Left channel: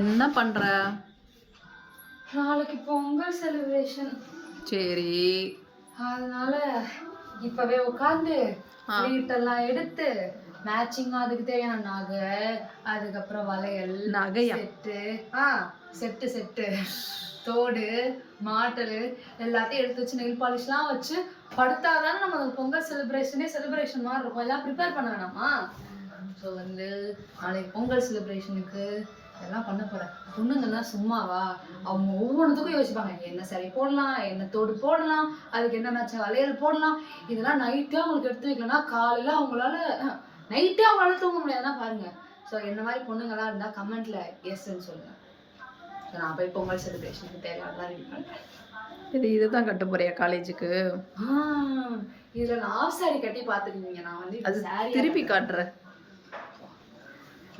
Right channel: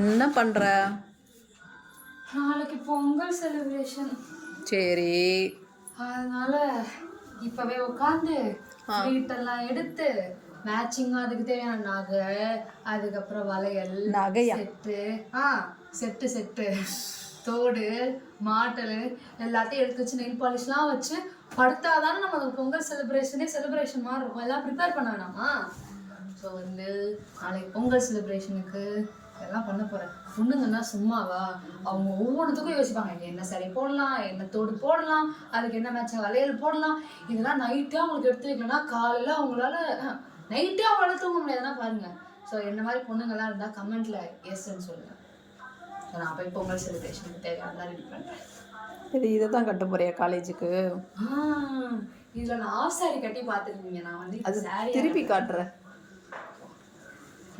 என்ன பண்ற? நாளைக்கு பொங்கல் செலிப்ரேஷன். சரி. அதனால இப்பவே உட்காந்து வீட்டெல்லாம் எடுத்து மேட்சிங்காக அதுக்கு தேவையான நகை, அதுக்கப்புறம் வளையல், நகையா செட்டு தோடு, மாட்டல் எல்லாத்தையும் எடுத்து வச்சு நெயில் பாலிஷ்லாம் வச்சு படுத்தாதானே நம்ம அந்த பொங்கல் செலிப்ரேஷன் மாதிரி இருக்கும். எல்லாம் ப்ரிப்பேர் பண்ண வேணாமா? ஸோ நாளைக்கு பொங்கல் செலிப்ரேஷனுக்கு எல்லாம் பண்ண போகிறேன். பொண்ணுங்கன்னா சும்மாவா, அவங்க ஒவ்வொன்றுத்துக்கும் யோசிப்பாங்க. என்ன சரி போடலாம், என்ன தோடு போடலாம், அதுக்கு என்ன மேட்ச வளையல் போடலாம். இதெல்லாம் நைட்டே அவங்களுக்கு எடுத்து வைக்கலன்னா காலையில் அவங்களால தூங்க முடியாதுன்னா பாருங்க. ஸோ என்ன மாதிரி பொண்ணுங்கள்லாம் இருந்தால் கமெண்ட்ல எஸ்ன்னு சொல்லுங்க. நான் போய் பொங்கல் செலிப்ரேஷனுக்கு தேவையானலாம் ரெடி பண்ணுறேன். இதை தான் கட்ட போறியா காலேஜுக்கு? இதில் நான் ஆஃப் சாரி கட்டி பார்த்துருக்கீங்க. நான் அது திருப்பி காட்டுறேன்.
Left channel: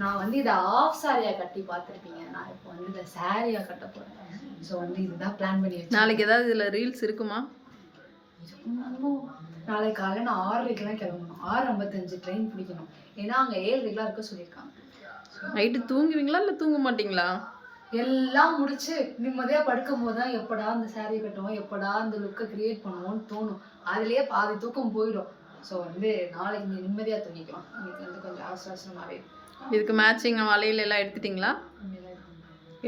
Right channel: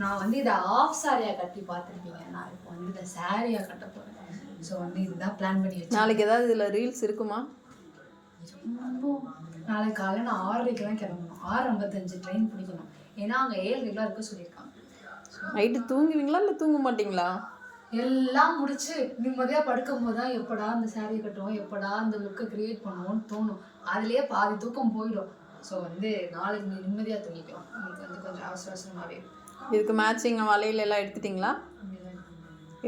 நான் இதை ஆஃப் சாரியா கட்டி பார்த்துருப்பீங்க. நான் இப்போ இதை சாரியா கட்ட போகிறேன். ஸோ இதுதான் பிளான் பண்ணி வச்சேன். நாளைக்கு ஏதாவது இதில் ரீல்ஸ் இருக்குமா? நாளைக்கு காலையில் நான் 6:30 கிளம்பணும். 6:55 ட்ரெயின் பிடிக்கணும். ஏன்னா அங்கே 7:00 இருக்க சொல்லியிருக்காங்க. நைட்டு தூங்குவீங்களா இல்லை தூங்க மாட்டிங்களா? எல்லாம் முடிச்சு நிம்மதியாக படுக்கும் போது தான் எப்படா இந்த சாரியை கட்டுவோம், எப்படா இந்த லுக்கை கிரியேட் பண்ணுவோம்னு தோணும். அதுலேயே பாதி தூக்கம் போயிடும். ஸோ நாளைக்கு நீ நிம்மதியாக தூங்கிக்கலாம். இன்னைக்கு கொஞ்சம் அவசரமாகவே. இதுக்கு மேட்சிங் வளையல் எல்லாம் எடுத்துட்டீங்களா?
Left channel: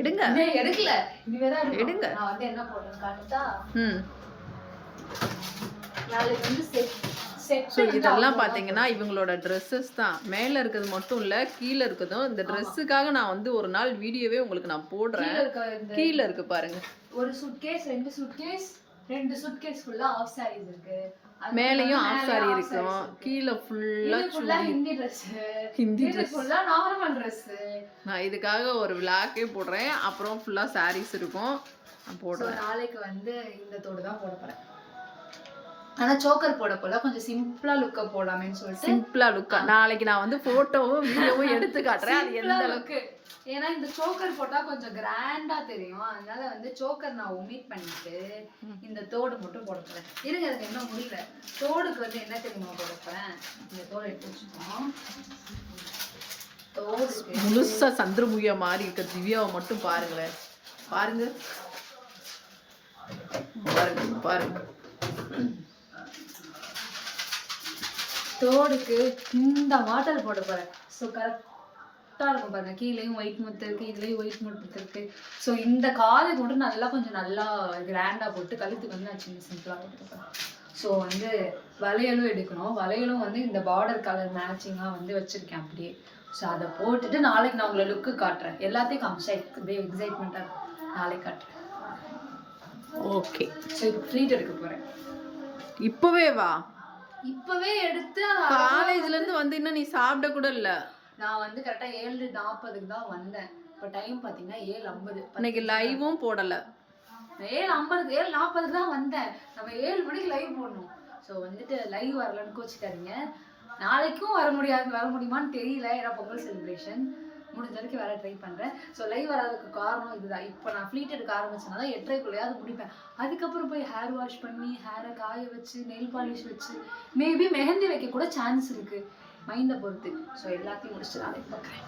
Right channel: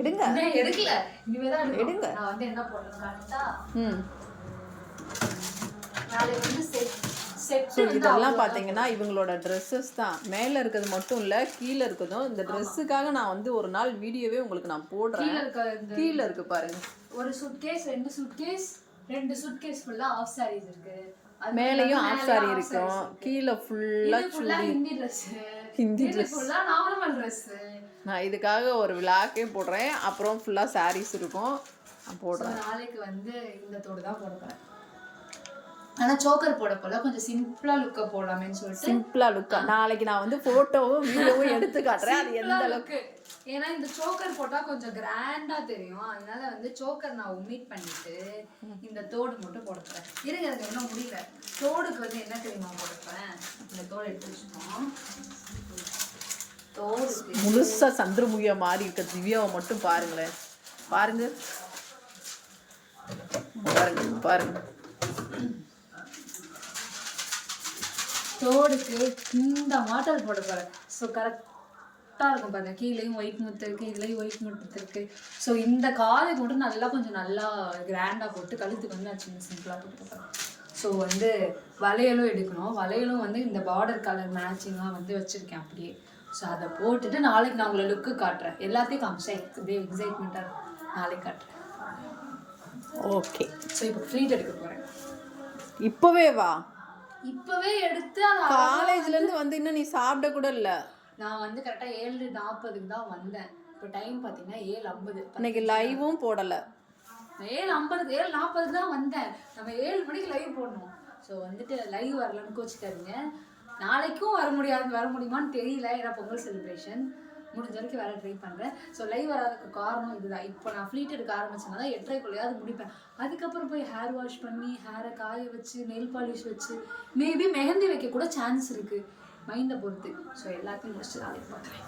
எடுங்க. எடுக்கல, இனிமேதான் எடுங்க. நான் என்ன போடுறேன்னு காட்டுட்டா? ஸோ இதெல்லாம் பார்த்தீங்கன்னா இவங்களோட ட்ரெஸ்ஸஸ் தான். மேலே இருக்கிறது மட்டும் இல்லை, கீழே இருக்கிறதும். இந்த ட்ரெஸ்ஸுக்காக நான் ஒரு நாள் வீடியோவே உங்களுக்கு நான் போடுறேன். கீழே இருக்கு பாருங்க. ஒரு சூட்கேஸ், 2 சூட்கேஸ் ஃபுல்லா ஆஃப் சாரீஸ் இருக்கு. மேலேயும் ஆஃப் சாரி இருக்கும், கீழே ஃபுல்லா ஹிந்தி ட்ரெஸ், நார்மல் ட்ரெஸ். நான் இதுக்காக ஒரு விளாக்கே போடுறேன். அப்புறம் ஃபுல்லா சாரீஸ் இருக்கும், நான் போடுறேன். நாளைக்கு இந்த தோடு தான் போட போறேன். ஆனா சோக்கர் போட போல கொஞ்சம் சிம்பிளா லுக்கா போடலாமேன்னு சொல்லிட்டு. சிம்பிளா லுக்கா நாளைக்கு நான் போட்டோவும் வீடியோவும் எடுத்து காட்டுறேன். அது எந்த அளவுக்கு, ஏன்னா இந்த சோக்கர் போட்டா கொஞ்சம் கிராண்டா தெரியும். அதனால சோக்கர் நான் ஒமிட் பண்ணிட்டு இந்த தோடு மட்டும் போட போறேன். இருங்க, எனக்கு என்ன முடியல. தோடுக்கு என்ன தெரியுமா போட போறேன்? இந்த தோடு எடுத்து வச்சுக்கோம். தோடு முழுசா சந்திரமுகியா மாதிரி இருக்க திவ்யாவை மட்டும் பாருங்களேன். பாருங்க பாருங்க பாருங்க. தோடுக்கு இந்த மாட்டல் போட போறேன். ஸோ கரெக்டாக இருக்கும் பாருங்க. கீழேயும் ஒயிட் முத்து இருக்கு, இதுலேயும் ஒயிட் முத்து இருக்கு. ஸோ இந்த காலுக்கு மட்டும் நல்லா கிராண்டாக போட்டு, கழுத்துக்கு நான் சிம்பிளாக போட்டு போகிறேன். ஸோ வளையலும் எடுக்கணும். வளையலும் இந்த பார்டர் கலர் மேட்சிங்காக வச்சுருக்கேன் அப்படியே. ஸோ அதை போட்டுட்டு நாளைக்கு நான் உங்களை லுக்கு காட்டுறேன். எல்லாத்தையும் காமிச்சா இப்படியே எக்ஸைட்மெண்ட்டாக நாளைக்கு காட்டுறேன். ஓகே. ஸோ இப்போ ஃப்ரீட் எடுக்க போகிறேன். இப்போவே வா. இப்பவே எடுத்து காலேஜ்ல இருந்து இன்னும் நீ சாப்பிட கூட இல்ல. நான் கரெக்டா 7:40 தான் வந்தேன். இப்போ டைம் பாத்தீங்கன்னா 7:50. இன்னைக்கு லைவும் போடல. 7:40 தான் வந்தேன். நம்ம 7 மணிக்கு லைவ் போடணும். ஸோ லைவ் வரலன்னு கோச்சிக்காதீங்க. நாளைக்கும் வர முடியுமான்னு தெரியல. ஏன்னா பொங்கல் செலிப்ரேஷன் முடிஞ்ச வரைக்கும் வேற ட்ரை பண்ணுறேன். ஸோ லைவ் வராதுக்கு காரணம் இதுதான். இப்போ நான் ஃப்ளீட் எடுக்க ஆரம்பிச்சேன்னா தான் 8:30 முடிப்பேன். அதுக்கப்புறம் போய் ஹேர் வாஷ் பண்ணி ஹேரை காய வச்சு நெயில் பாலிஷ் வச்சு மேபி மெஹந்தி வைக்க கூட சான்ஸ் இருக்குது, மைண்டை பொறுத்து. ஸோ எல்லாத்தையும் முடிச்சுட்டு நாளைக்கு பார்க்குறேன்.